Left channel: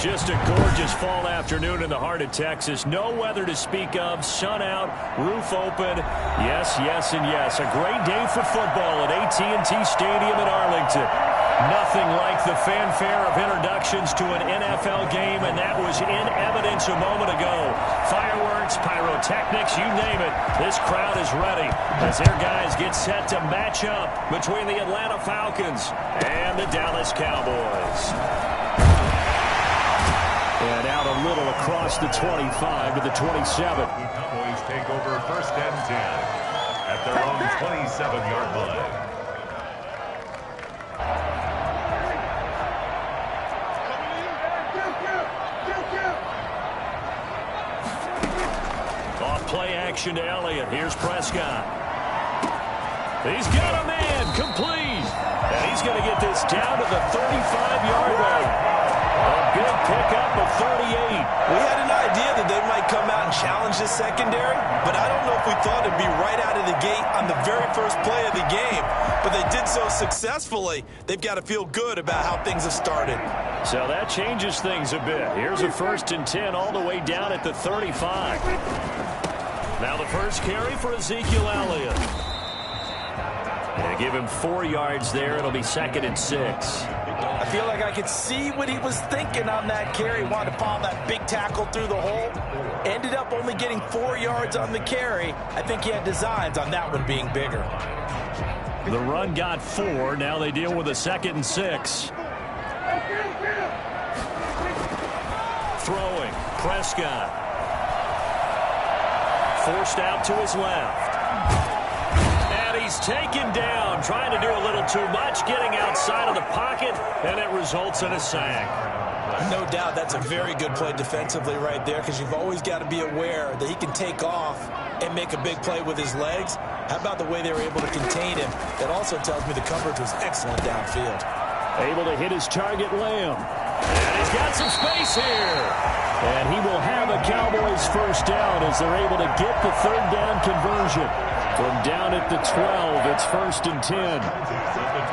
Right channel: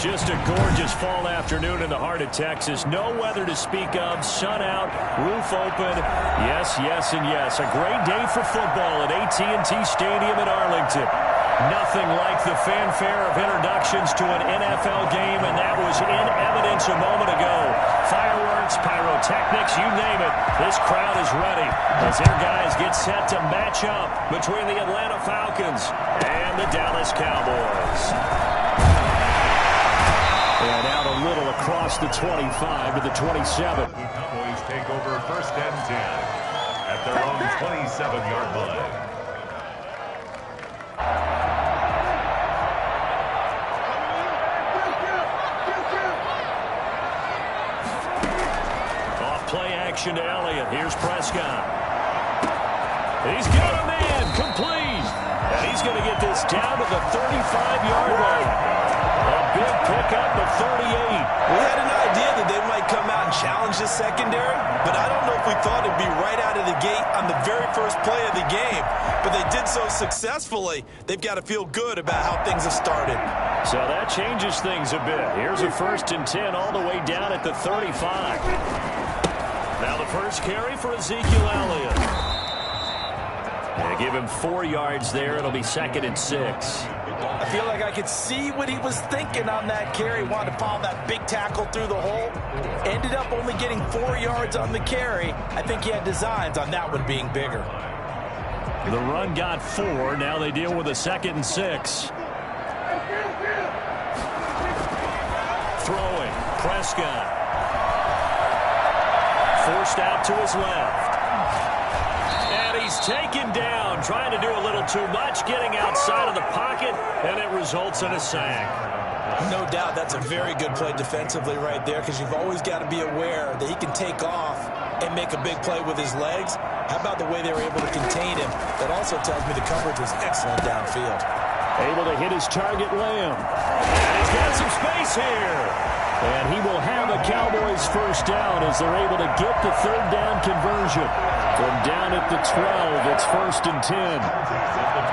Just a gorgeous fall afternoon in the heart of Texas. No weather to speak of. Sun out, roof open. Yes, yes, and yes. A great day for football at AT&T Stadium in Arlington. Nothing like the fanfare of introductions to an NFL game, and that was in evidence a moment ago. Fireworks, pyrotechnics, you name it. This crowd is ready as their guys get set to match up between the Atlanta Falcons and the Dallas Cowboys. And out a little across the 25 to the 27. Cowboys take over 1st and 10 at their own 27-yard line. Off play action to Elliott. Here's Prescott. He's got a man complete. And he's going to get this down to the 35-yard line. A big pickup of 38. We had an idea that they might come out and challenge this secondary, but I don't know if we thought it'd be right out of the gate on the very first play of the game. But they did so successfully, they've got to feel good about how things have started. So that changes things a bit. Here's a 1st and 10 all the way down at the 35. Now the first carry for Ezekiel Elliott. They give him 4 yards there. It'll be 2nd and 6. I feel like I could see what he was thinking on that carry. Wanted to follow that big tackle through the hole. Ended up only getting 4 yards on the carry. I think he had designs on that one being bigger. The run got 4. Now they deal with a 2nd and 6. Throwing. Prescott. Forced out to his left. And he's taken down, trying to do a little too much, getting outside of the pocket, and it results in a sack. No doubt that's a very good play defensively right there, because you've always got to be aware that he can take off and make a big play with his legs. How about the way they were able to contain him? That also tells me the coverage was excellent downfield. Able to hit his target, Lamb. And he's got some space here. And he will have a Cowboys first down as they're able to get the 3rd down conversion. From down at the 12, it's 1st and 10.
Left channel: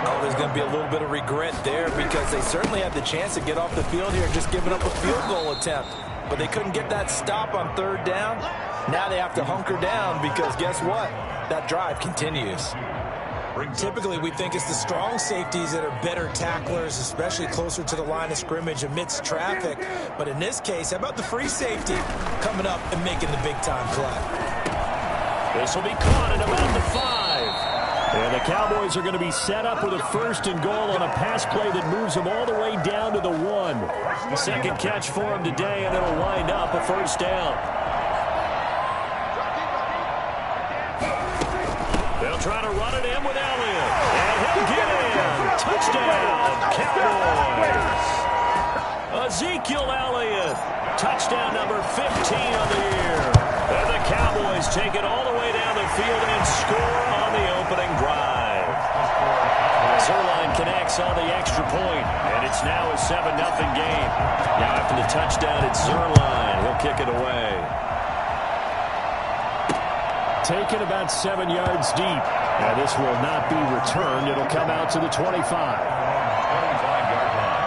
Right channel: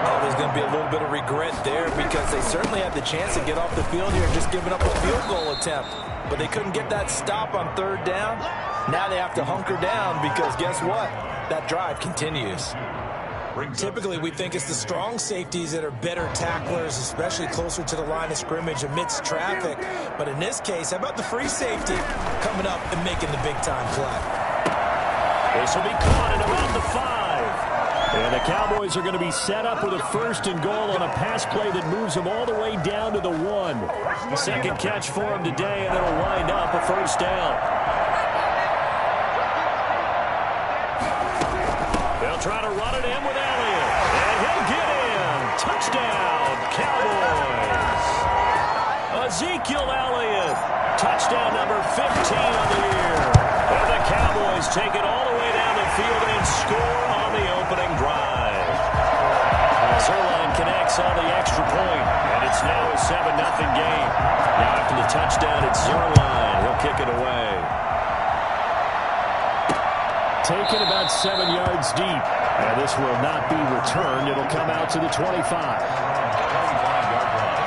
Oh, there's going to be a little bit of regret there, because they certainly had the chance to get off the field here, just giving up a field goal attempt. But they couldn't get that stop on 3rd down. Now they have to hunker down, because guess what? That drive continues. Typically, we think it's the strong safeties that are better tacklers, especially closer to the line of scrimmage amidst traffic. But in this case, how about the free safety coming up and making the big-time play? This will be caught at about the 5. And the Cowboys are going to be set up with a 1st and goal on a pass play that moves them all the way down to the 1. Second catch for him today, and it'll wind up a 1st down. They'll try to run it in with Elliott. And he'll get in. Touchdown, Cowboys. Ezekiel Elliott. Touchdown number 15 on the year. And the Cowboys take it all the way down the field and score on the opening drive. Zuerlein connects on the extra point, and it's now a 7-0 game. Now after the touchdown, it's Zuerlein. He'll kick it away. Taken about 7 yards deep. And this will not be returned. It'll come out to the 25. 25-yard line.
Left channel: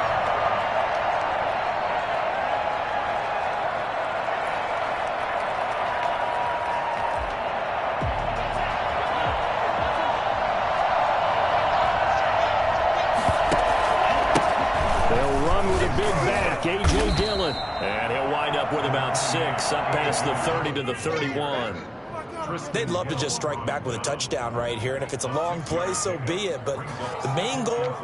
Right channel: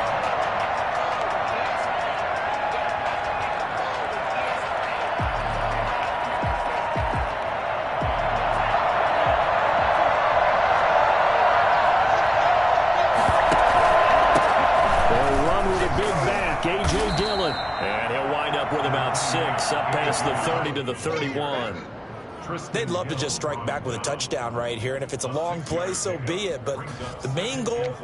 They'll run with a big back, A.J. Dillon. And he'll wind up with about 6, up past the 30 to the 31. They'd love to just strike back with a touchdown right here, and if it's a long play, so be it. But the main goal,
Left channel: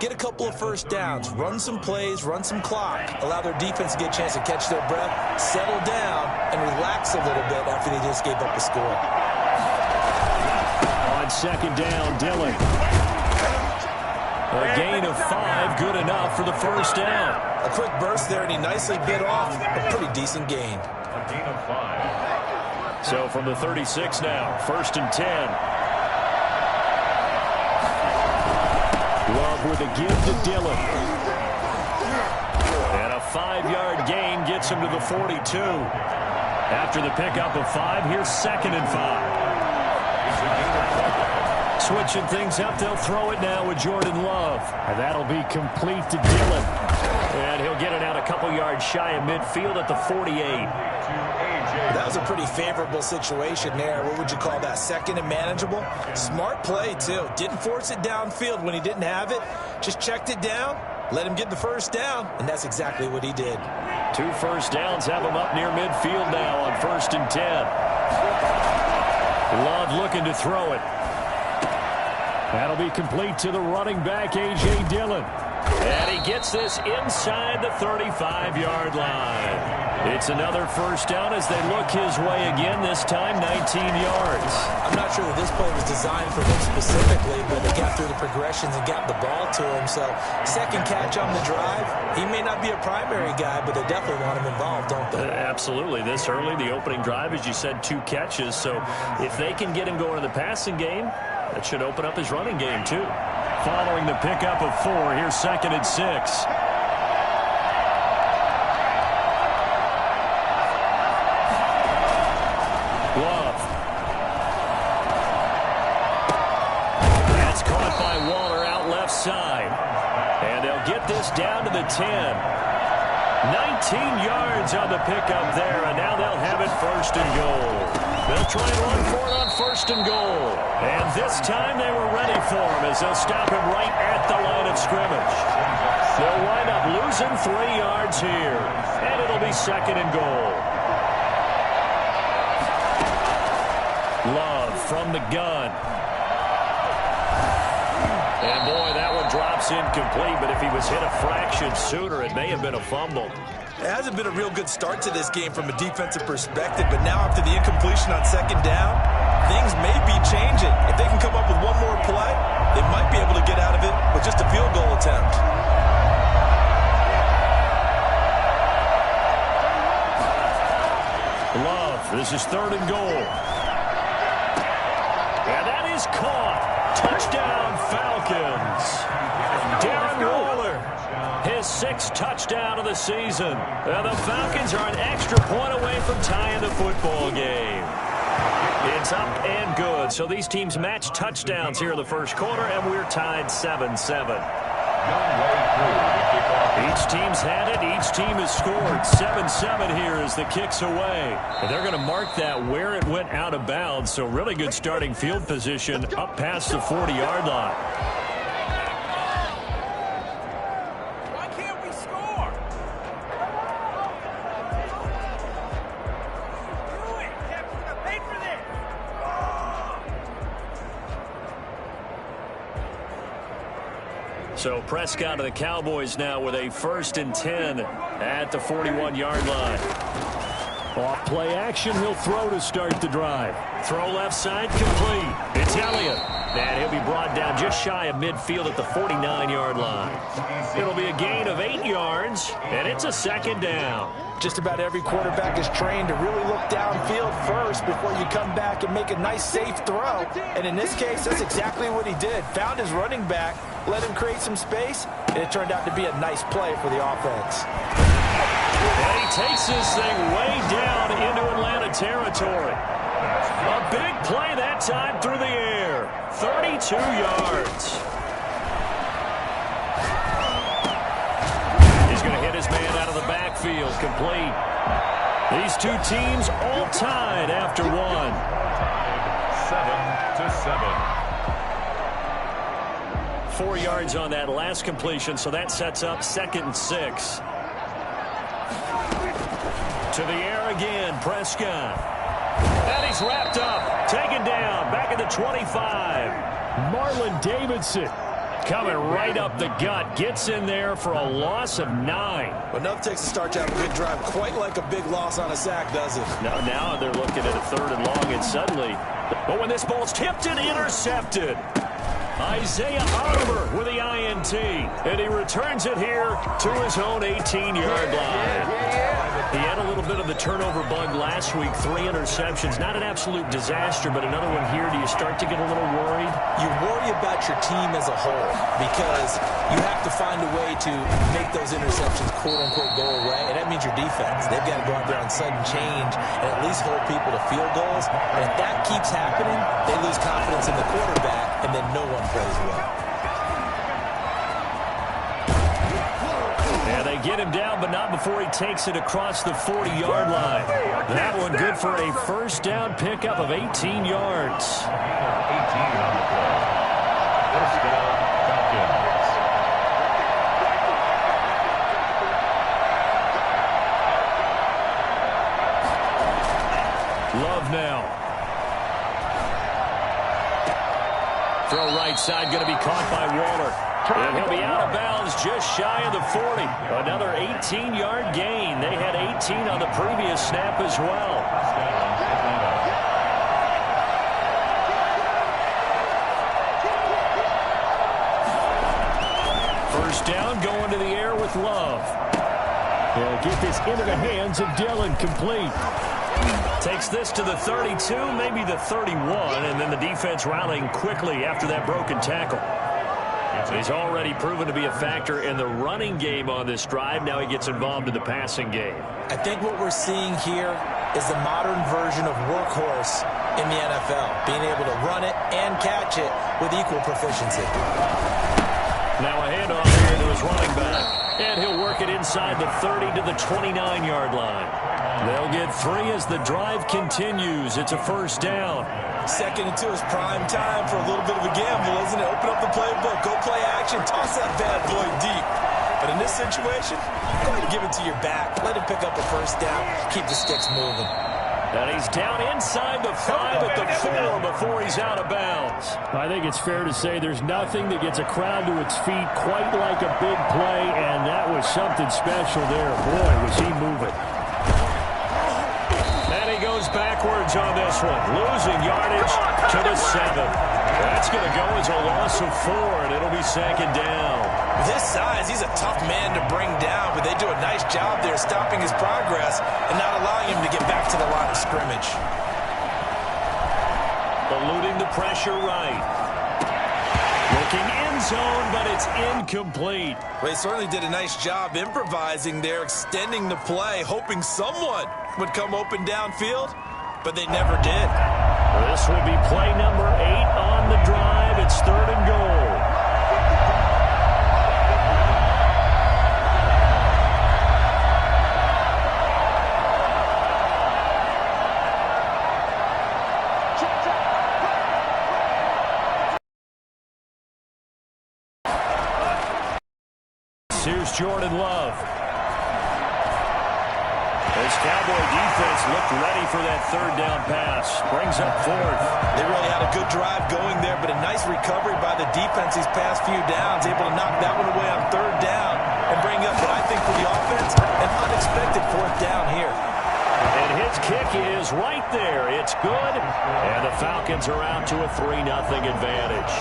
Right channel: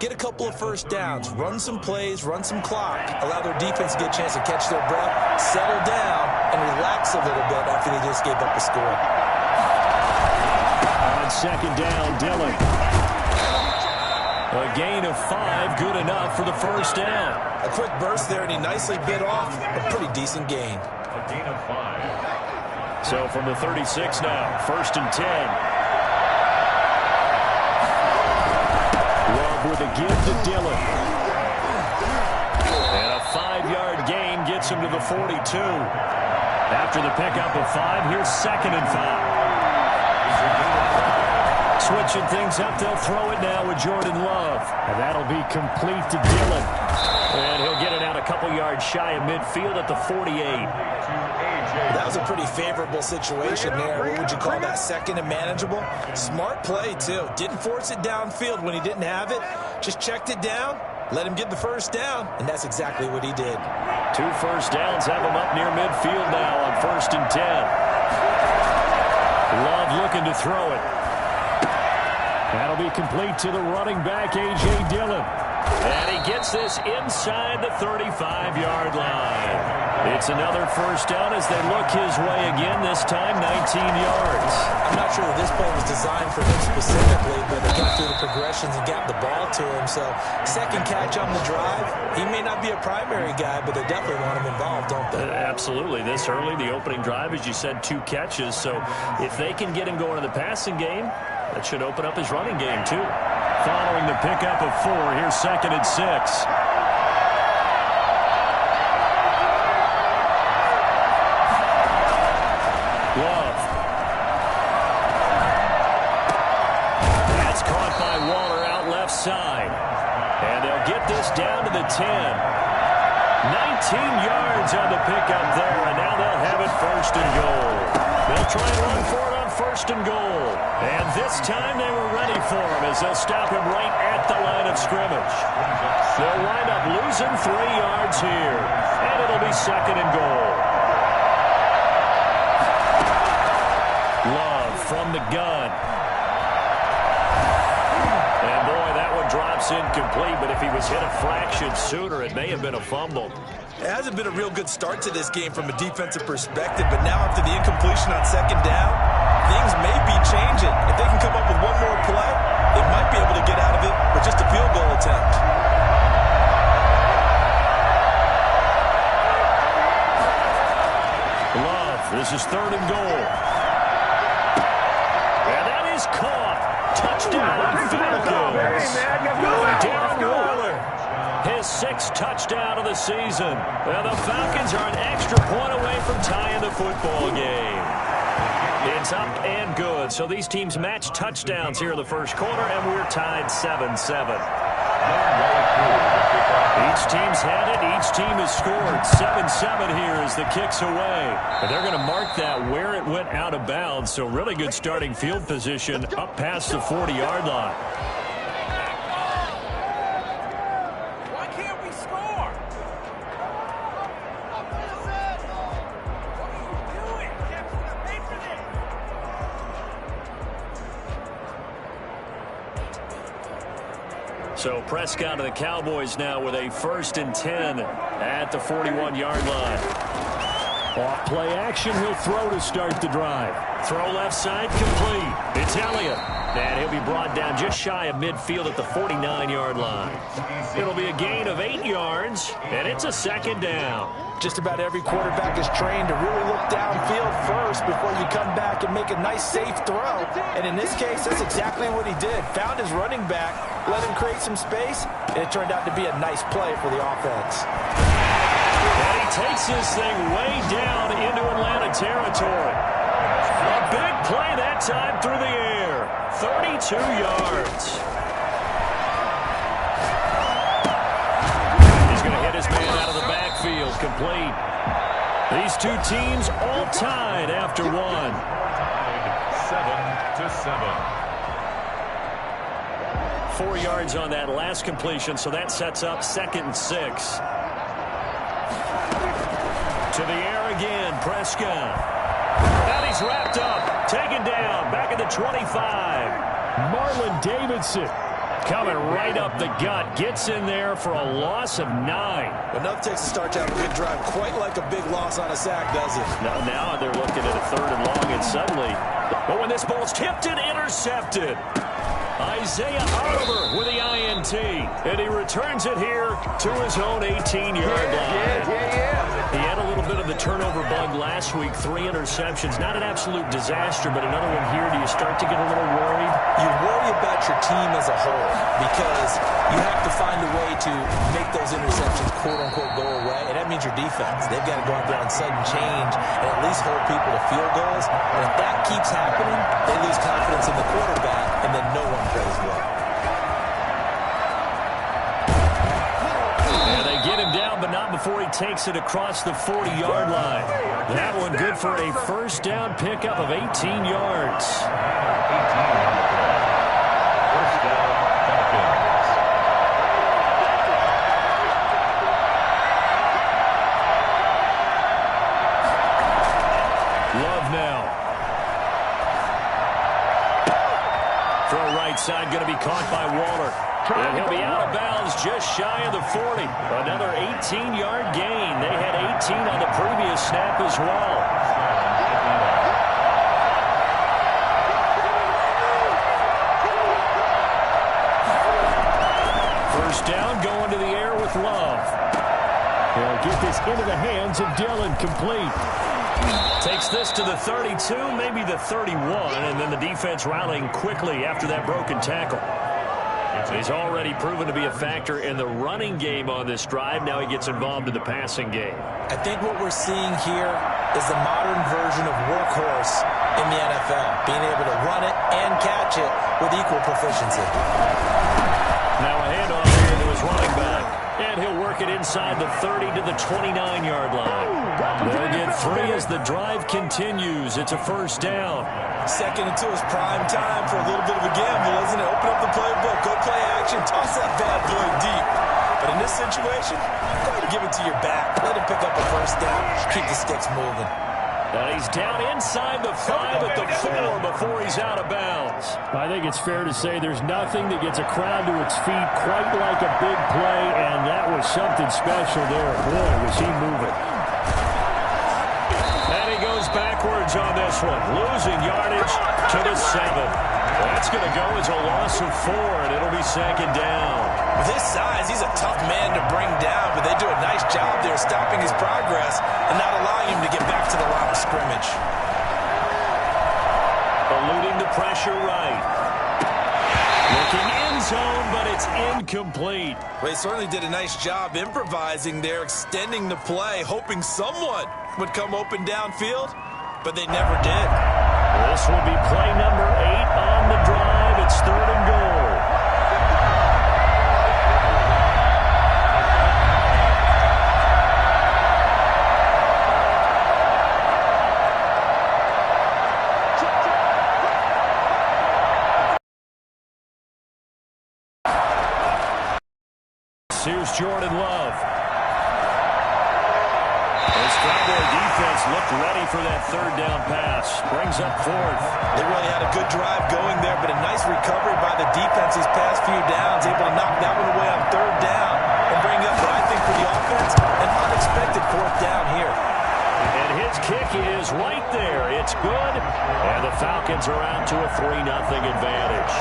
get a couple of 1st downs, run some plays, run some clock, allow their defense to get a chance to catch their breath, settle down, and relax a little bit after they just gave up a score. On 2nd down, Dillon. A gain of 5, good enough for the 1st down. A quick burst there, and he nicely bit off a pretty decent gain. A gain of 5. So from the 36 now, 1st and 10. Love with a give to Dillon. And a 5-yard gain gets him to the 42. After the pickup of 5, here's 2nd and 5. Switching things up, they'll throw it now with Jordan Love. And that'll be complete to Dillon. And he'll get it out a couple yards shy of midfield at the 48. That was a pretty favorable situation there. What would you call that? Second and manageable? Smart play, too. Didn't force it downfield when he didn't have it. Just checked it down, let him get the first down, and that's exactly what he did. 2 first downs have him up near midfield now on 1st and 10. Love looking to throw it. That'll be complete to the running back, A.J. Dillon. And he gets this inside the 35-yard line. It's another first down as they look his way again, this time 19 yards. I'm not sure that this play was designed for him specifically, but they got through the progressions and got the ball to him. So second catch on the drive. He may not be a primary guy, but they definitely want him involved, don't they? Absolutely. This early, the opening drive, as you said, 2 catches. So if they can get him going in the passing game, that should open up his running game, too. Following the pickup of 4, here's 2nd and 6. Love. That's caught by Waller out left side. And they'll get this down to the 10. 19 yards on the pickup there, and now they'll have it 1st and goal. They'll try and run for it on 1st and goal. And this time they were ready for him as they'll stop him right at the line of scrimmage. They'll wind up losing 3 yards here. And it'll be 2nd and goal. Love from the gun. And boy, that one drops incomplete, but if he was hit a fraction sooner, it may have been a fumble. It hasn't been a real good start to this game from a defensive perspective, but now after the incompletion on 2nd down, things may be changing. If they can come up with one more play, they might be able to get out of it with just a field goal attempt. Love, this is 3rd and goal. And that is caught. Touchdown, Falcons. Darren Waller, his 6th touchdown of the season. And the Falcons are an extra point away from tying the football game. It's up and good. So these teams match touchdowns here in the first quarter, and we're tied 7-7. Each team's had it. Each team has scored. 7-7 here as the kick's away. And they're going to mark that where it went out of bounds. So really good starting field position up past the 40-yard line. Why can't we score? What are you doing? Captain got paid for this. So Prescott of the Cowboys now with a 1st and 10 at the 41-yard line. Off play action, he'll throw to start the drive. Throw left side, complete. It's Elliott. And he'll be brought down just shy of midfield at the 49-yard line. It'll be a gain of 8 yards, and it's a 2nd down. Just about every quarterback is trained to really look downfield first before you come back and make a nice, safe throw. And in this case, that's exactly what he did. Found his running back, let him create some space, and it turned out to be a nice play for the offense. And he takes this thing way down into Atlanta territory. A big play that time through the air. 32 yards. He's going to hit his man out of the backfield. Complete. These two teams all tied after one. Tied 7-7. 4 yards on that last completion, so that sets up 2nd and 6. To the air again, Prescott. And he's wrapped up, taken down, back at the 25. Marlon Davidson coming right up the gut, gets in there for a loss of 9. Well, enough takes to start to have a good drive, quite like a big loss on a sack, does it? Now they're looking at a 3rd and long, and suddenly, but when this ball's tipped and intercepted, Isaiah Oliver with the INT, and he returns it here to his own 18-yard line. He had a little bit of the turnover bug last week, 3 interceptions. Not an absolute disaster, but another one here. Do you start to get a little worried? You worry about your team as a whole because you have to find a way to make those interceptions, quote-unquote, go away, and that means your defense. They've got to go out there on sudden change and at least hold people to field goals. And if that keeps happening, they lose confidence in the quarterback, and then no one plays well. And they get him down, but not before he takes it across the 40-yard line. That one good for a first down pickup of 18 yards. 18 on the play. First down, Falcons. Love now. Throw right side, going to be caught by Waller. And he'll be out of bounds just shy of the 40. Another 18-yard gain. They had 18 on the previous snap as well. First down, going to the air with Love. He'll get this into the hands of Dillon, complete. Takes this to the 32, maybe the 31, and then the defense rallying quickly after that broken tackle. He's already proven to be a factor in the running game on this drive. Now he gets involved in the passing game. I think what we're seeing here is the modern version of workhorse in the NFL, being able to run it and catch it with equal proficiency. Now a handoff here to his running back. And he'll work it inside the 30 to the 29-yard line. They'll get 3 as the drive continues. It's a first down. 2nd and 2 is prime time for a little bit of a gamble, isn't it? Open up the playbook, go play action, toss that bad boy deep. But in this situation, go ahead and give it to your back. Let him pick up a first down. Keep the sticks moving. And he's down inside the 5 at the 4 before he's out of bounds. I think it's fair to say there's nothing that gets a crowd to its feet quite like a big play, and that was something special there. Boy, was he moving. And he goes backwards on this one, losing yardage to the 7. That's going to go as a loss of 4, and it'll be second down. With his size, he's a tough man to bring down, but they do a nice job there stopping his progress and not allowing him to get back to the line of scrimmage. Eluding the pressure right. Looking end zone, but it's incomplete. Well, he certainly did a nice job improvising there, extending the play, hoping someone would come open downfield, but they never did. This will be play number 8 on the drive. It's 3rd and goal. Here's Jordan Love. This Cowboy defense looked ready for that 3rd down pass. Brings up 4th. They really had a good drive going there, but a nice recovery by the defense these past few downs, able to knock that one away on 3rd down and bring up what I think for the offense, an unexpected 4th down here. And his kick is right there. It's good. And the Falcons are out to a 3-0 advantage.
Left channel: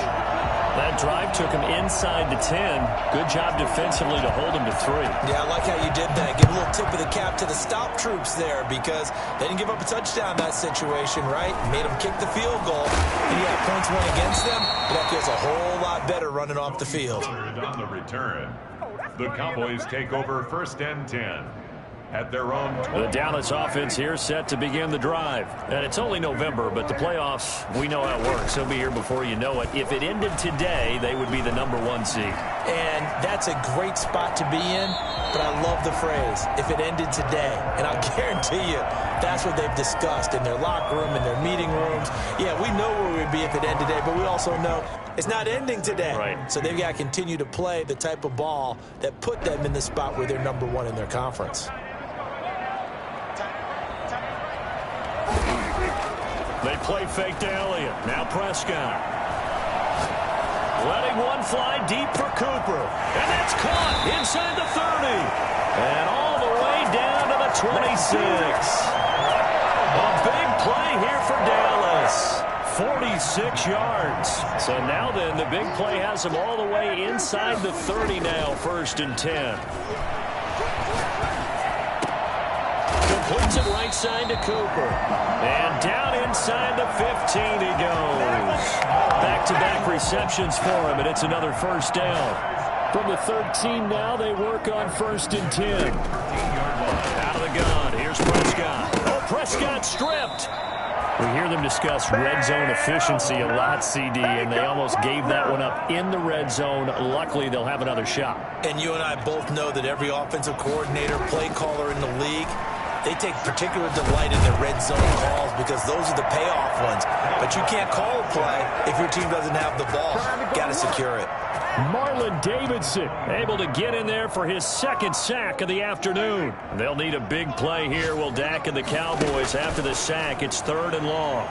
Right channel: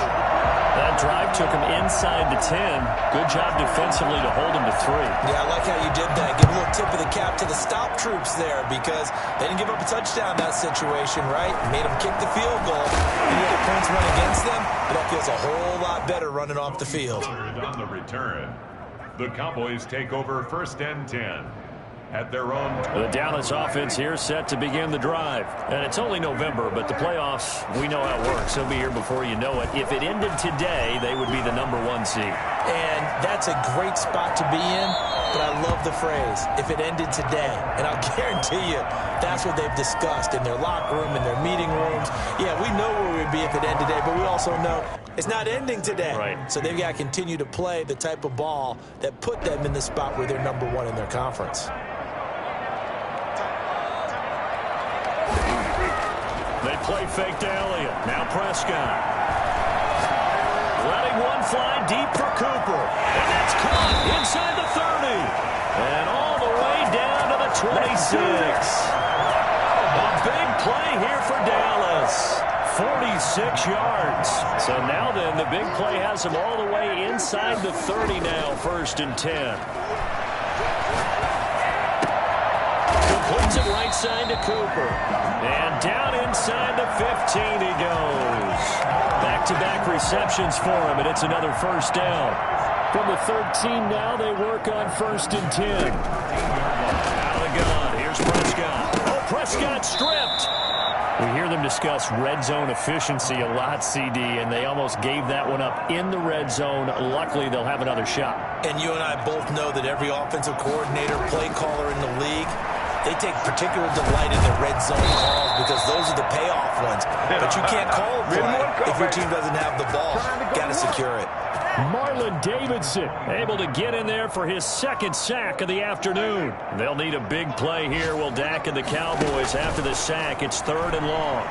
That drive took him inside the 10. Good job defensively to hold him to 3. Yeah, I like how you did that. Give a little tip of the cap to the stop troops there because they didn't give up a touchdown in that situation, right? Made them kick the field goal. And yeah, points went against them, but that feels a whole lot better running off the field. On the return, the Cowboys take over 1st and 10. At their own. The Dallas offense here set to begin the drive. And it's only November, but the playoffs, we know how it works. They'll be here before you know it. If it ended today, they would be the number 1 seed. And that's a great spot to be in, but I love the phrase, if it ended today. And I'll guarantee you, that's what they've discussed in their locker room, in their meeting rooms. Yeah, we know where we'd be if it ended today, but we also know it's not ending today. Right. So they've got to continue to play the type of ball that put them in the spot where they're number 1 in their conference. They play fake to Elliott. Now Prescott. Letting one fly deep for Cooper. And that's caught inside the 30. And all the way down to the 26. A big play here for Dallas. 46 yards. So now then, the big play has them all the way inside the 30 now, 1st and 10. Completes it right side to Cooper. And down inside the 15 he goes. Back-to-back receptions for him, and it's another first down. From the 13 now, they work on 1st and 10. Out of the gun, here's Prescott. Oh, Prescott stripped. We hear them discuss red zone efficiency a lot, CD, and they almost gave that one up in the red zone. Luckily, they'll have another shot. And you and I both know that every offensive coordinator, play caller in the league, they take particular delight in their red zone calls because those are the payoff ones. But you can't call a play if your team doesn't have the ball. Got to secure it. Marlon Davidson able to get in there for his 2nd sack of the afternoon. They'll need a big play here. Will Dak and the Cowboys after the sack. It's 3rd and long.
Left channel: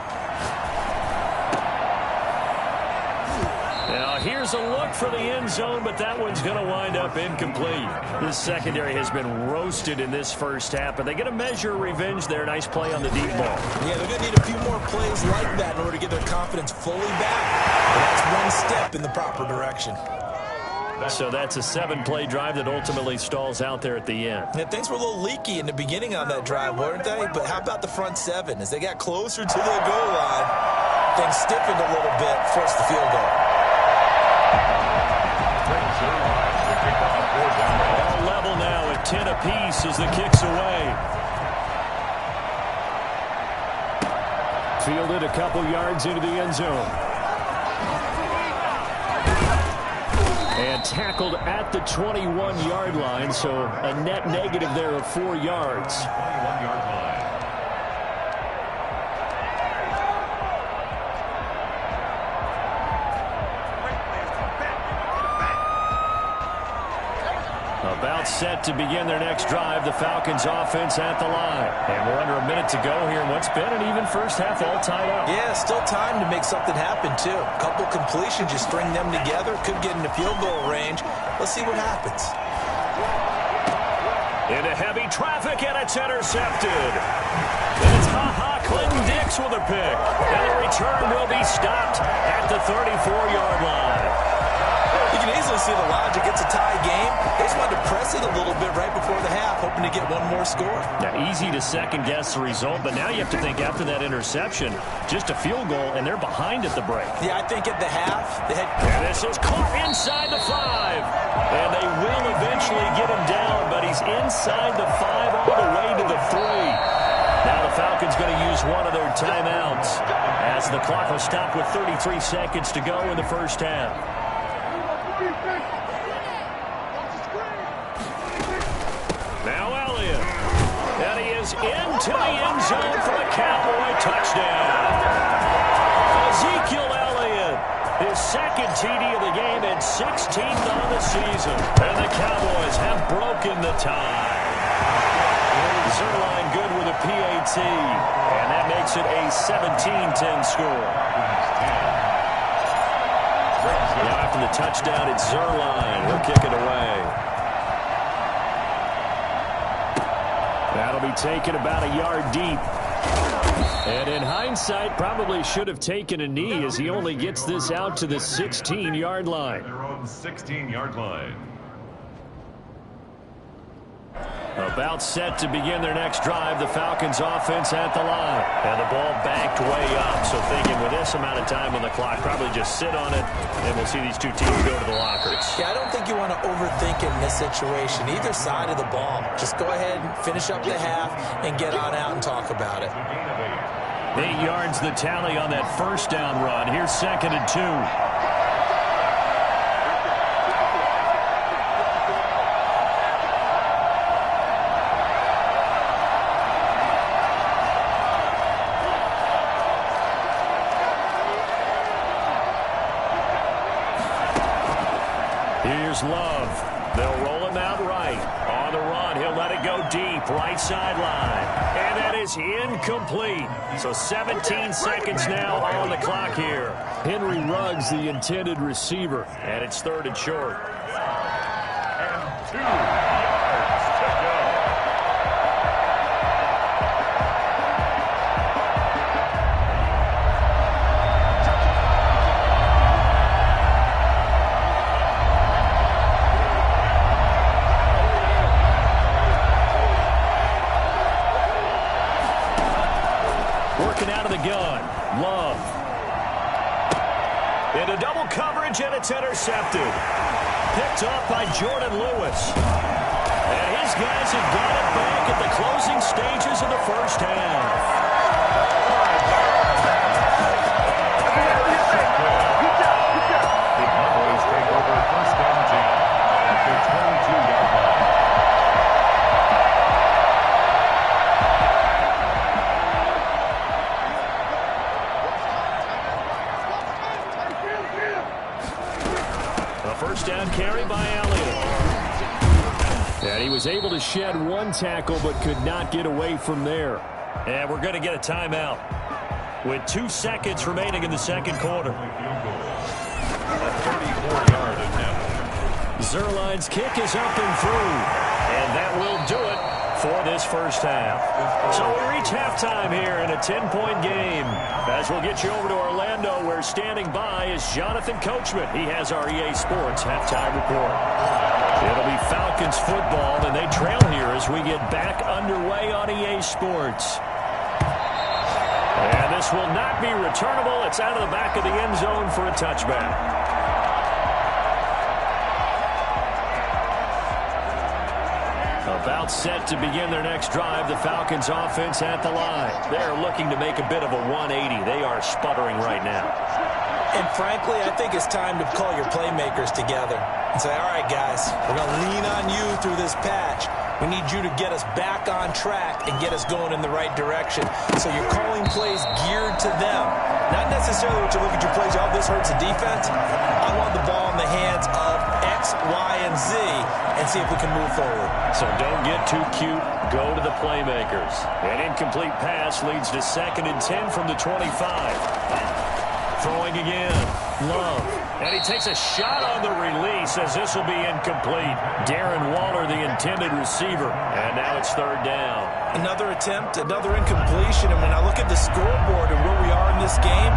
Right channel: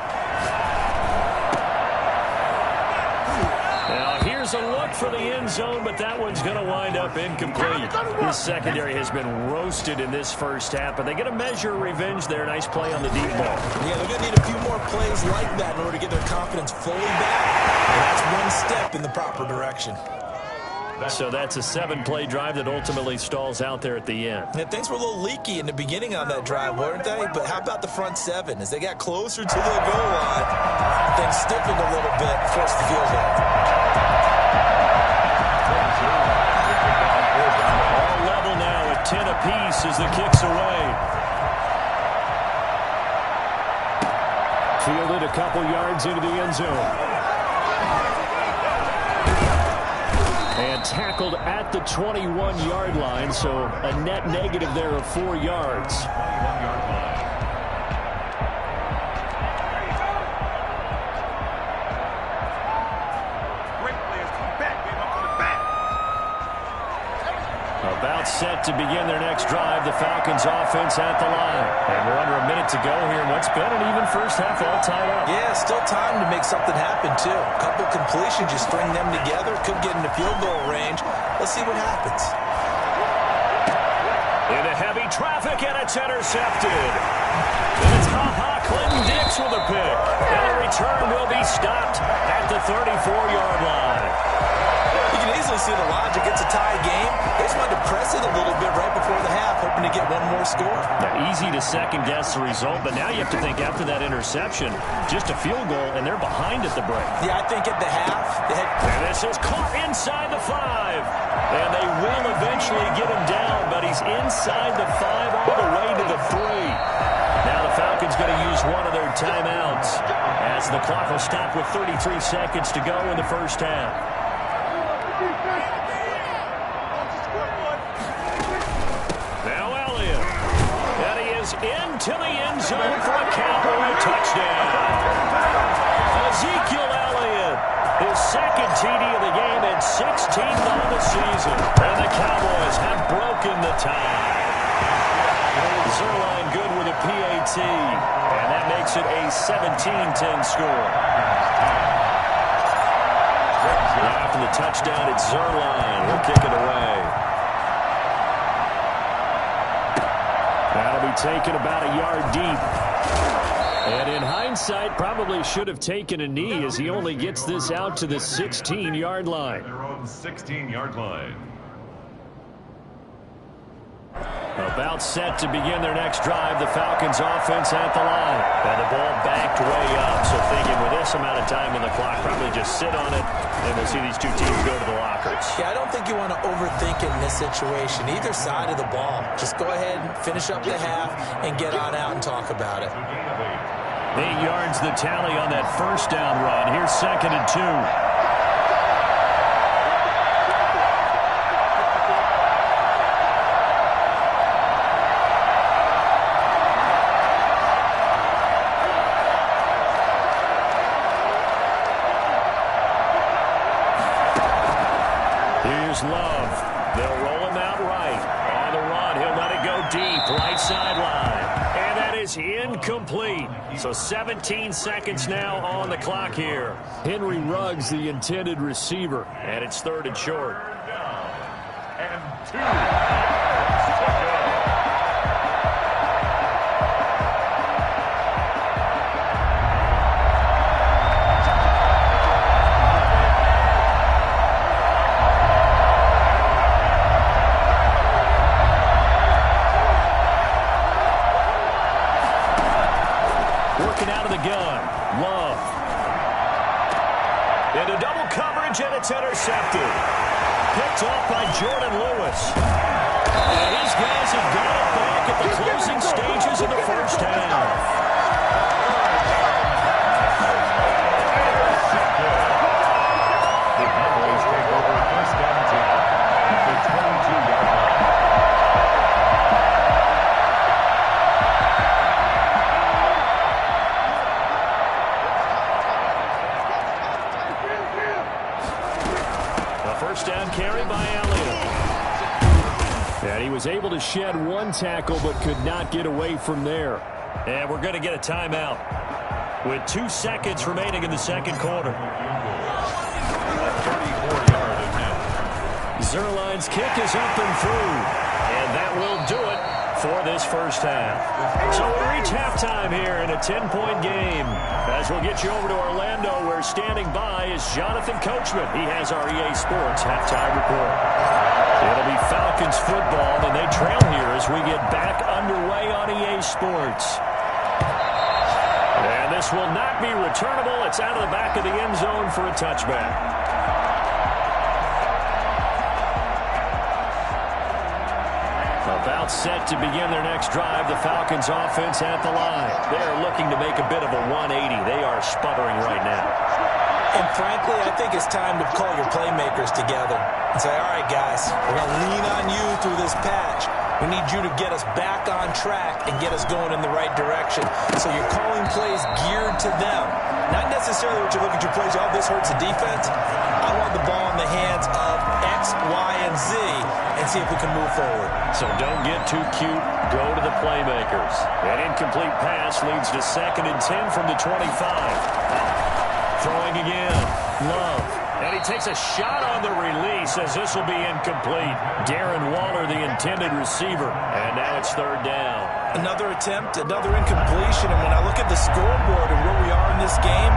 Now here's a look for the end zone, but that one's going to wind up incomplete. This secondary has been roasted in this first half, but they get a measure of revenge there. Nice play on the deep ball. Yeah, they're going to need a few more plays like that in order to get their confidence fully back. And that's one step in the proper direction. So that's a 7-play drive that ultimately stalls out there at the end. Yeah, things were a little leaky in the beginning on that drive, weren't they? But how about the front 7? As they got closer to the goal line, things stiffened a little bit, forced the field goal. All level now at 10 apiece as the kick's away. Fielded a couple yards into the end zone. And tackled at the 21-yard line, so a net negative there of 4 yards. 21-yard line. About set to begin their next drive, the Falcons offense at the line. And we're under a minute to go here in what's been an even first half, all tied up. Yeah, still time to make something happen, too. A couple completions, you string them together, could get into field goal range. Let's see what happens. Into heavy traffic, and it's intercepted. Then it's Clinton Dix with a pick. And the return will be stopped at the 34-yard line. You can easily see the logic. It's a tie game. They just wanted to press it a little bit right before the half, hoping to get one more score. Now, easy to second-guess the result, but now you have to think after that interception, just a field goal, and they're behind at the break. Yeah, I think at the half, they had... And this is caught inside the 5. And they will eventually get him down, but he's inside the 5 all the way to the 3. Now the Falcons going to use one of their timeouts as the clock will stop with 33 seconds to go in the first half. Now Elliott. And he is into the end zone for a Cowboy touchdown. Ezekiel Elliott, his 2nd TD of the game and 16th on the season. And the Cowboys have broken the tie. Zuerlein good with a PAT. And that makes it a 17-10 score. Now after the touchdown, it's Zuerlein. He'll kick it away. That'll be taken about a yard deep. And in hindsight, probably should have taken a knee as he only gets this out to the 16-yard line. Their own 16-yard line. About set to begin their next drive, the Falcons offense at the line. And the ball backed way up, so thinking with this amount of time on the clock, probably just sit on it, and we'll see these two teams go to the lockers. Yeah, I don't think you want to overthink it in this situation. Either side of the ball. Just go ahead and finish up the half and get on out and talk about it. 8 yards the tally on that first down run. Here's 2nd and 2. Here's Love. They'll roll him out right. On the run, he'll let it go deep, right sideline. And that is incomplete. So 17 seconds now on the clock here. Henry Ruggs, the intended receiver. And it's 3rd and short. And 2 yards to go. gun. Love. Into double coverage, and it's intercepted. Picked off by Jordan Lewis. And his guys have got it back at the closing stages of the first half. The Cowboys take over first and 10 at the 22-yard line. A first down carry by Elliott. And he was able to shed one tackle but could not get away from there. And we're going to get a timeout with 2 seconds remaining in the second quarter. A 34-yard attempt. Zuerlein's kick is up and through. And that will do it for this first half. So we reach halftime here in a 10-point game. As we'll get you over to Orlando, where standing by is Jonathan Coachman. He has our EA Sports halftime report. It'll be Falcons football, and they trail here as we get back underway on EA Sports. And this will not be returnable. It's out of the back of the end zone for a touchback. About set to begin their next drive, the Falcons offense at the line. They are looking to make a bit of a 180. They are sputtering right now. And frankly, I think it's time to call your playmakers together and say, all right, guys, we're going to lean on you through this patch. We need you to get us back on track and get us going in the right direction. So you're calling plays geared to them. Not necessarily what you look at your plays, oh, this hurts the defense. I want the ball in the hands of X, Y, and Z and see if we can move forward. So don't get too cute. Go to the playmakers. An incomplete pass leads to 2nd and 10 from the 25. Throwing again. Love. And he takes a shot on the release as this will be incomplete. Darren Waller, the intended receiver. And now it's 3rd down. Another attempt, another incompletion. And when I look at the scoreboard and where we are in this game,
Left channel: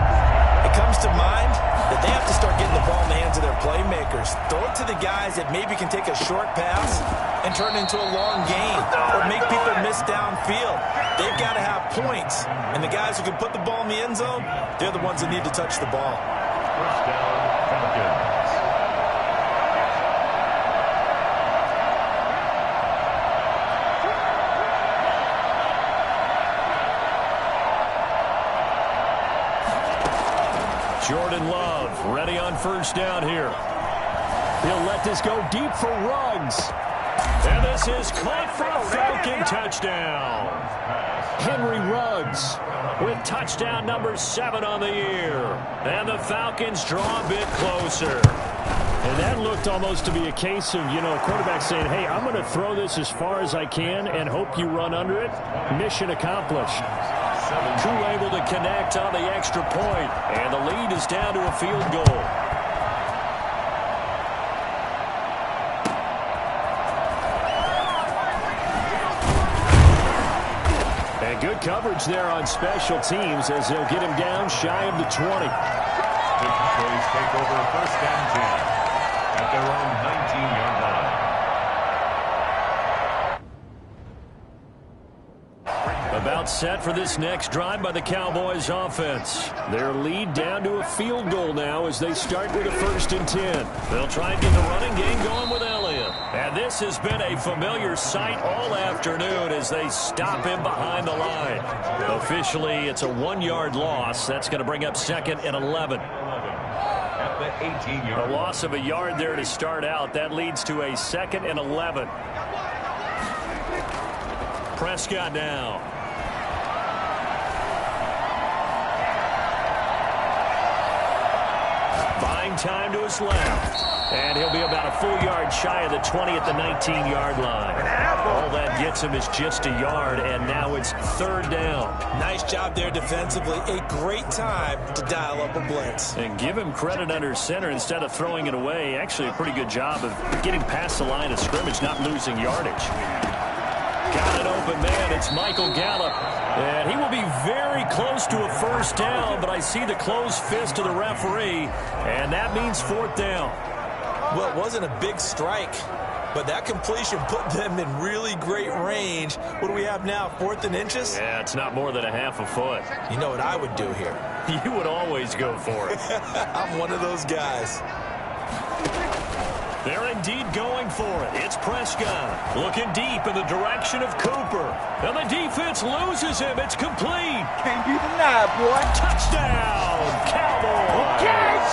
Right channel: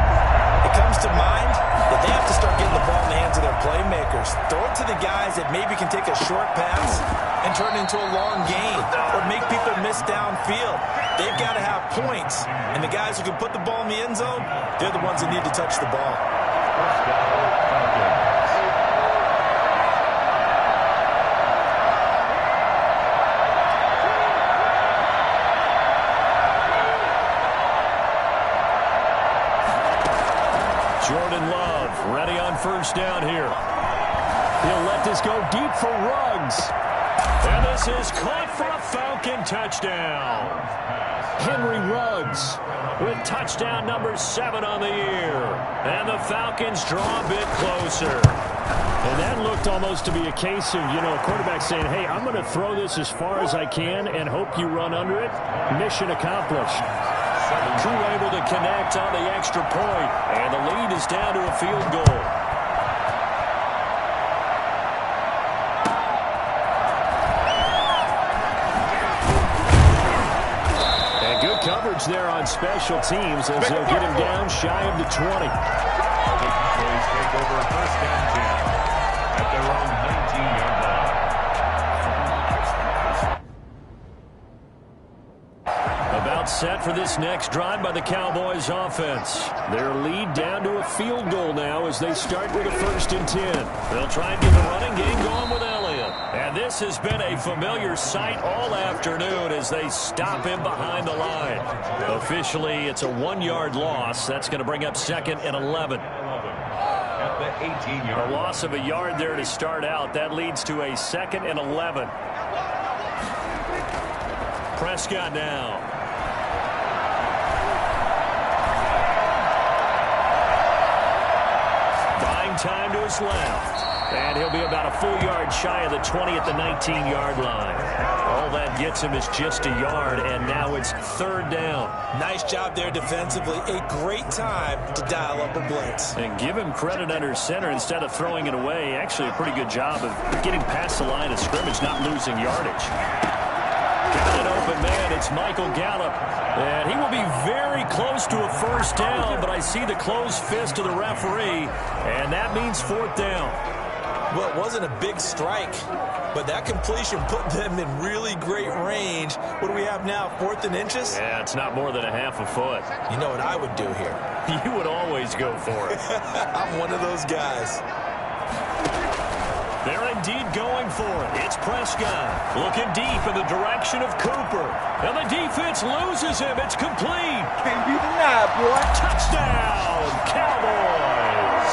it comes to mind that they have to start getting the ball in the hands of their playmakers. Throw it to the guys that maybe can take a short pass and turn it into a long gain or make people miss downfield. They've got to have points. And the guys who can put the ball in the end zone, they're the ones that need to touch the ball. First down, Falcons. Jordan Love ready on first down here. He'll let this go deep for Ruggs. And this is caught for a Falcon touchdown. Henry Ruggs with touchdown number 7 on the year. And the Falcons draw a bit closer. And that looked almost to be a case of, a quarterback saying, hey, I'm going to throw this as far as I can and hope you run under it. Mission accomplished. Koo able to connect on the extra point, and the lead is down to a field goal. And good coverage there on special teams as they'll get him down shy of the 20. The Cowboys take over first and 10 at their own 19-yard line. About set for this next drive by the Cowboys offense. Their lead down to a field goal now as they start with a 1st and 10. They'll try and get the running game going with Elliott. And this has been a familiar sight all afternoon as they stop him behind the line. Officially, it's a 1-yard loss. That's going to bring up 2nd and 11. At the 18-yard line. A loss of a yard there to start out. That leads to a 2nd and 11. Prescott now. Buying time to his left. And he'll be about a full yard shy of the 20 at the 19-yard line. All that gets him is just a yard, and now it's 3rd down. Nice job there defensively. A great time to dial up a blitz. And give him credit under center instead of throwing it away. Actually, a pretty good job of getting past the line of scrimmage, not losing yardage. Got an open man. It's Michael Gallup. And he will be very close to a 1st down, but I see the closed fist of the referee, and that means 4th down. Well, it wasn't a big strike, but that completion put them in really great range. What do we have now, 4th and inches? Yeah, it's not more than a half a foot. You know what I would do here? You would always go for it. I'm one of those guys. They're indeed going for it. It's Prescott looking deep in the direction of Cooper. And the defense loses him. It's complete. Can't be denied, boy. Touchdown, Cowboys.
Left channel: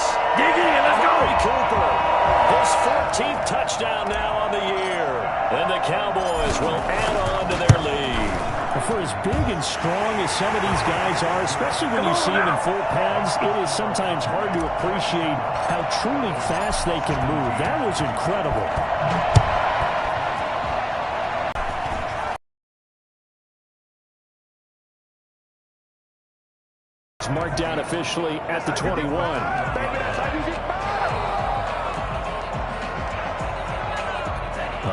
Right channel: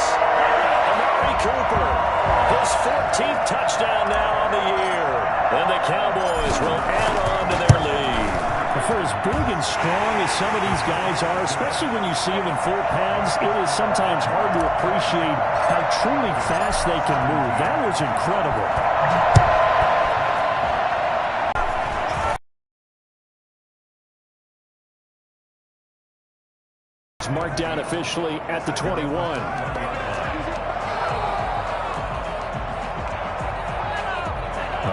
Amari Cooper, his 14th touchdown now on the year. And the Cowboys will add on to their lead. For as big and strong as some of these guys are, especially when you see them in full pads, it is sometimes hard to appreciate how truly fast they can move. That was incredible. It's marked down officially at the 21.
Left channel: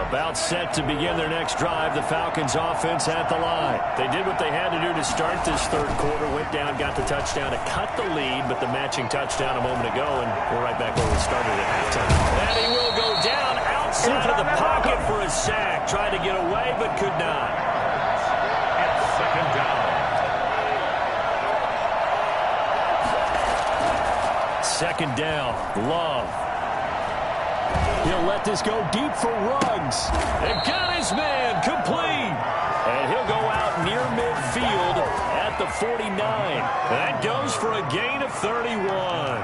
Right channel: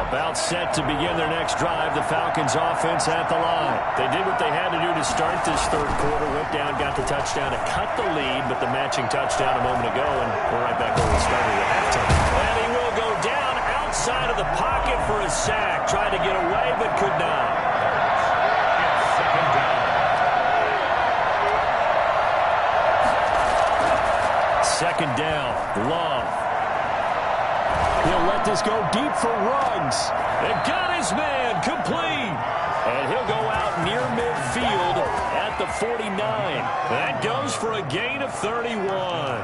About set to begin their next drive, the Falcons offense at the line. They did what they had to do to start this third quarter, went down, got the touchdown to cut the lead, but the matching touchdown a moment ago, and we're right back where we started at halftime. And he will go down outside of the pocket for a sack. Tried to get away, but could not. It's 2nd down. 2nd down, Love. He'll let this go deep for Ruggs. And got his man complete. And he'll go out near midfield at the 49. That goes for a gain of 31.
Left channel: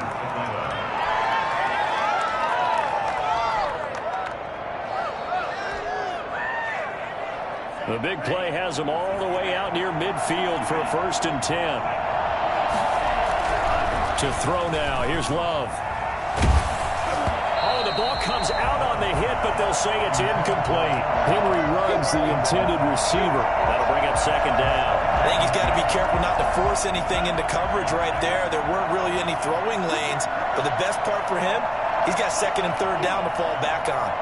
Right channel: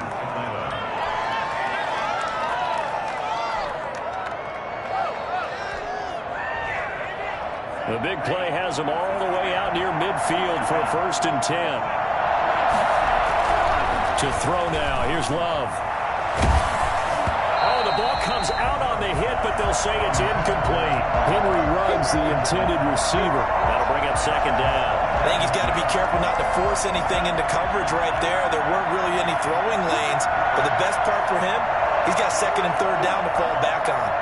The big play has him all the way out near midfield for a 1st and 10. To throw now. Here's Love. Oh, the ball comes out on the hit, but they'll say it's incomplete. Henry Ruggs, the intended receiver. That'll bring up 2nd down. I think he's got to be careful not to force anything into coverage right there. There weren't really any throwing lanes, but the best part for him, he's got 2nd and 3rd down to fall back on.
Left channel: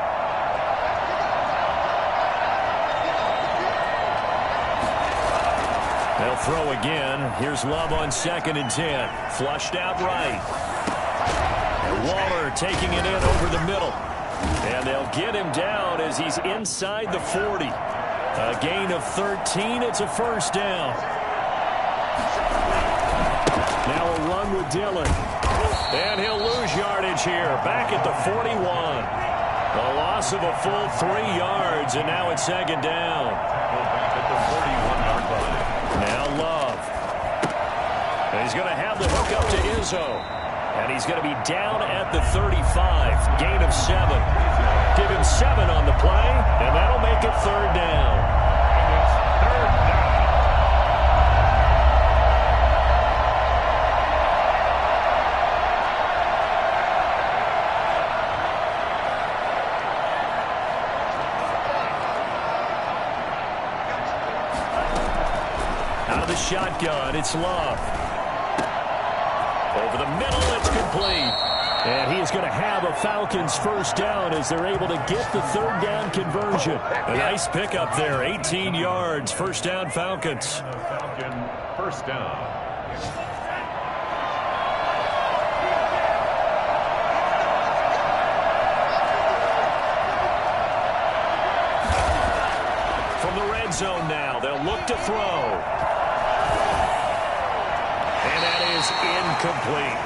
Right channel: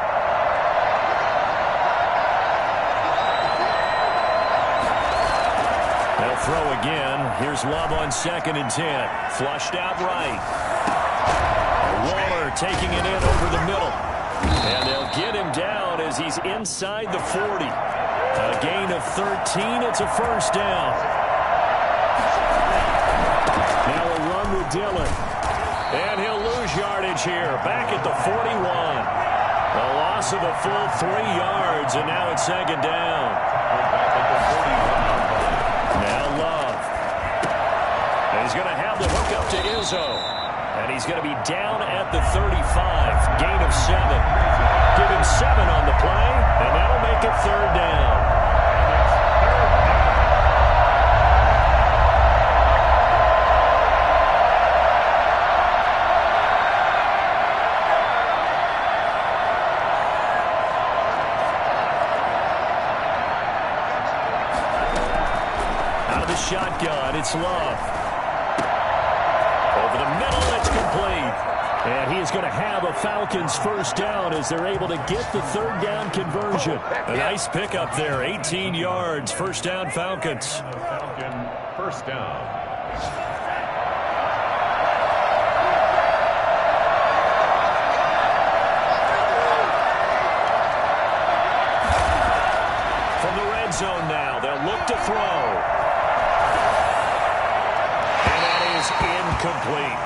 They'll throw again. Here's Love on 2nd and 10. Flushed out right. Waller taking it in over the middle. And they'll get him down as he's inside the 40. A gain of 13. It's a 1st down. Now a run with Dillon. And he'll lose yardage here. Back at the 41. A loss of a full 3 yards. And now it's 2nd down. Back at the 41-yard line. Now Love. And he's going to have the hook up to Izzo. And he's going to be down at the 35. Gain of 7. Give him 7 on the play, and that'll make it 3rd down. And it's 3rd down. Out of the shotgun, it's Love. Over the middle, it's complete. And he is going to have a Falcons 1st down as they're able to get the 3rd down conversion. A nice pickup there, 18 yards, 1st down Falcons. Falcon 1st down. From the red zone now, they'll look to throw. And that is incomplete.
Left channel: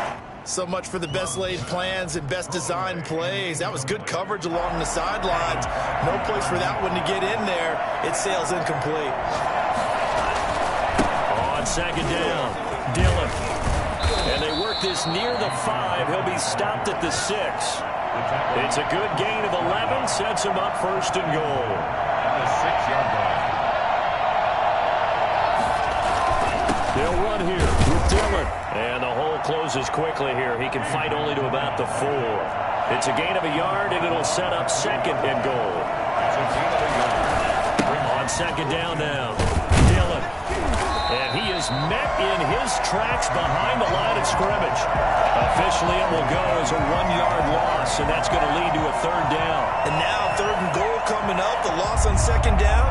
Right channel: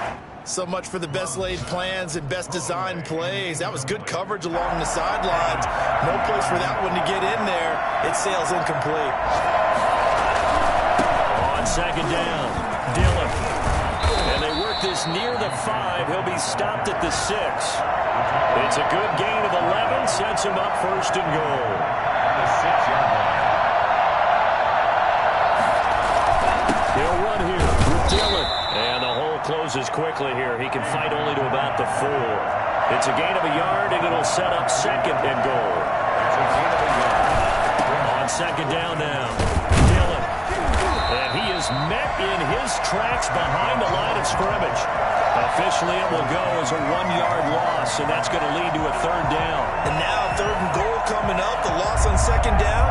So much for the best laid plans and best designed plays. That was good coverage along the sidelines. No place for that one to get in there. It sails incomplete. On 2nd down, Dillon. And they work this near the 5. He'll be stopped at the 6. It's a good gain of 11. Sets him up 1st and goal. At the 6-yard line. He'll run here with Dillon. And the hole closes quickly here. He can fight only to about the 4. It's a gain of a yard, and it'll set up 2nd and goal. It's a gain of a yard. On 2nd down now, Dillon. And he is met in his tracks behind the line of scrimmage. Officially, it will go as a 1-yard loss, and that's going to lead to a 3rd down. And now 3rd and goal coming up. The loss on 2nd down.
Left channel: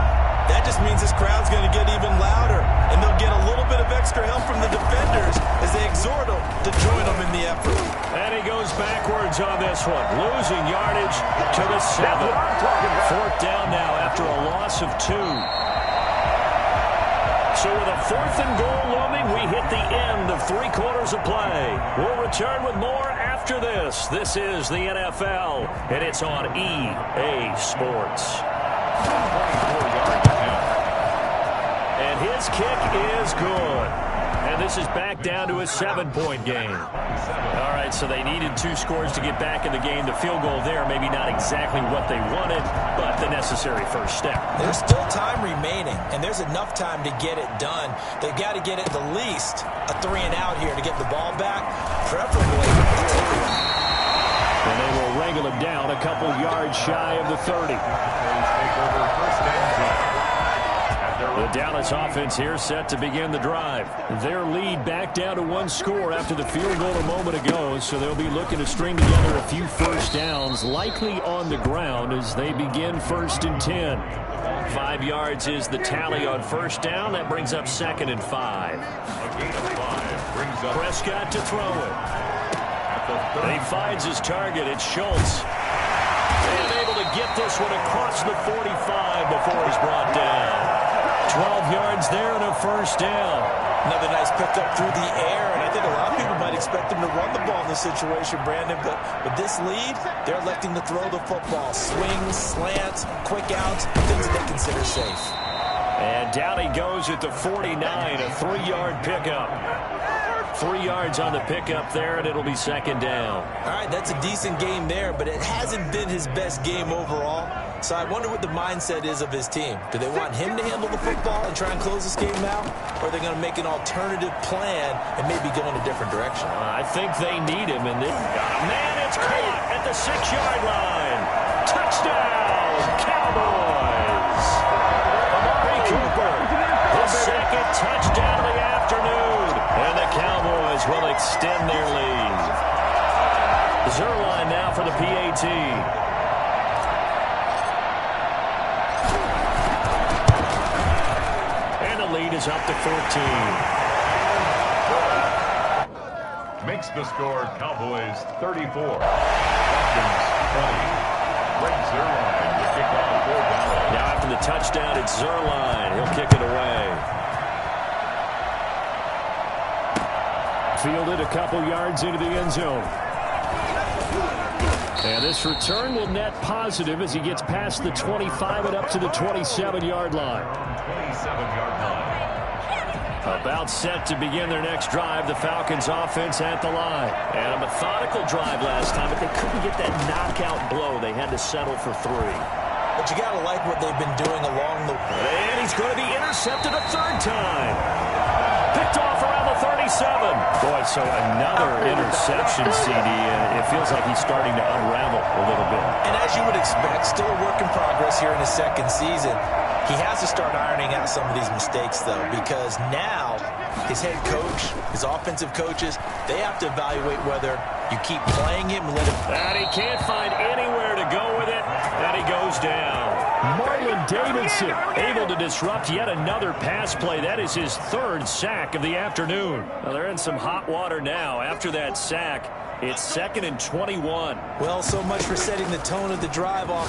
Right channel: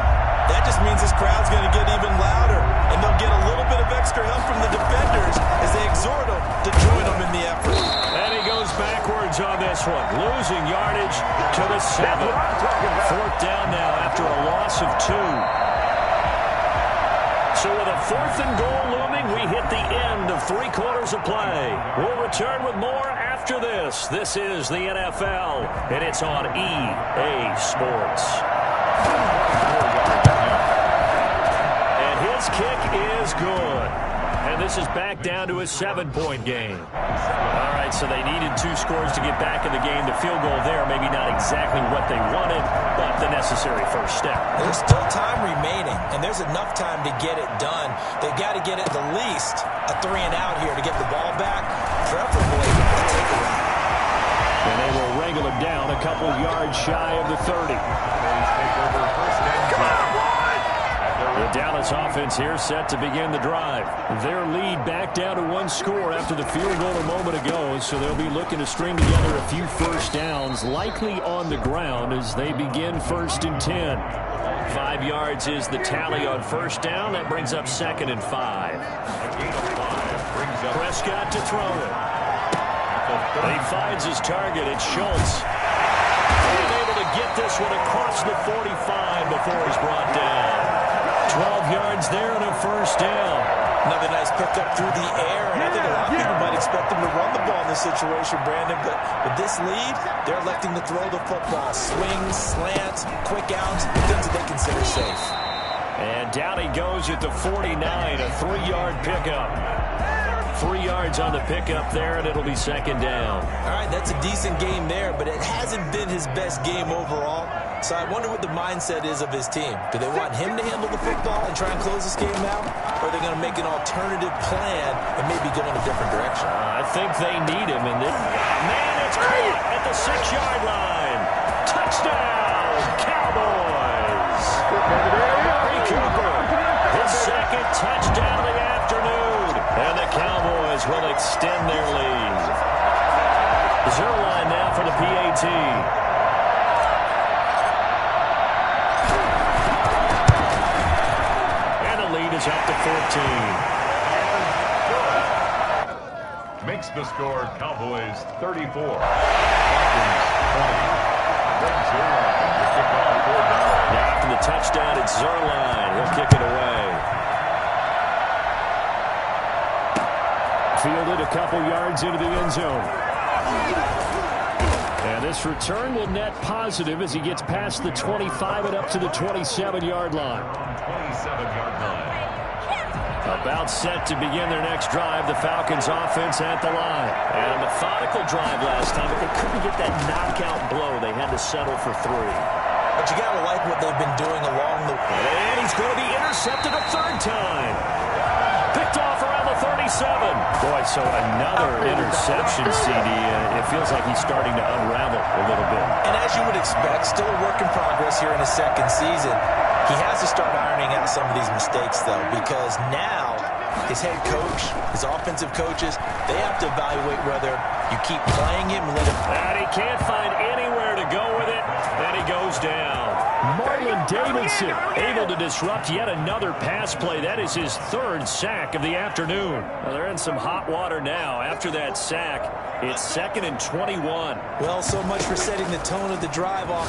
that just means this crowd's going to get even louder, and they'll get a little bit of extra help from the defenders as they exhort them to join them in the effort. And he goes backwards on this one, losing yardage to the 7. 4th down now after a loss of 2. So with a 4th and goal looming, we hit the end of 3 quarters of play. We'll return with more after this. This is the NFL, and it's on EA Sports. 24 yards attempt. And his kick is good. And this is back down to a 7-point game. All right, so they needed 2 scores to get back in the game. The field goal there, maybe not exactly what they wanted, but the necessary first step. There's still time remaining, and there's enough time to get it done. They've got to get at the least a 3-and-out here to get the ball back, preferably a takeaway. And they will wrangle him down a couple yards shy of the 30. Take over first and 10. The Dallas offense here set to begin the drive. Their lead back down to 1 score after the field goal a moment ago, so they'll be looking to string together a few first downs, likely on the ground as they begin 1st and 10. 5 yards is the tally on first down. That brings up 2nd and 5. A gain of 5 brings up Prescott to throw it. at He finds his target. It's Schultz. And able to get this one across the 45 before he's brought down. 12 yards there and a first down. Another nice pickup through the air, and I think a lot of people might expect them to run the ball in this situation, Brandon, but with this lead, they're electing to throw the football. Swings, slants, quick outs, things that they consider safe. And down he goes at the 49, a 3-yard pickup. 3 yards on the pickup there, and it'll be 2nd down. All right, that's a decent game there, but it hasn't been his best game overall. So I wonder what the mindset is of his team. Do they want him to handle the football and try and close this game out? Or are they going to make an alternative plan and maybe go in a different direction? I think they need him. And man, it's caught at the 6-yard line. Touchdown, Cowboys. Amari Cooper, his 2nd touchdown of the afternoon. And the Cowboys will extend their lead. Zuerlein now for the PAT. Lead is up to 14. makes the score Cowboys 34, Falcons 20. Greg Zuerlein to kick off for Dallas. Now after the touchdown, it's Zuerlein. He'll kick it away. Fielded a couple yards into the end zone. And this return will net positive as he gets past the 25 and up to the 27-yard line. 27-yard line. About set to begin their next drive, the Falcons offense at the line. And a methodical drive last time, but they couldn't get that knockout blow. They had to settle for 3. But you got to like what they've been doing along the way. And he's going to be intercepted a 3rd time. Picked off around the 37. Boy, so another interception, CD. It feels like he's starting to unravel a little bit. And as you would expect, still a work in progress here in his 2nd season. He has to start ironing out some of these mistakes, though, because now his head coach, his offensive coaches, they have to evaluate whether you keep playing him and let him. And he can't find anywhere to go with it, and he goes down. Marlon Davidson able to disrupt yet another pass play. That is his 3rd sack of the afternoon. Well, they're in some hot water now. After that sack, it's 2nd and 21. Well, so much for setting the tone of the drive off.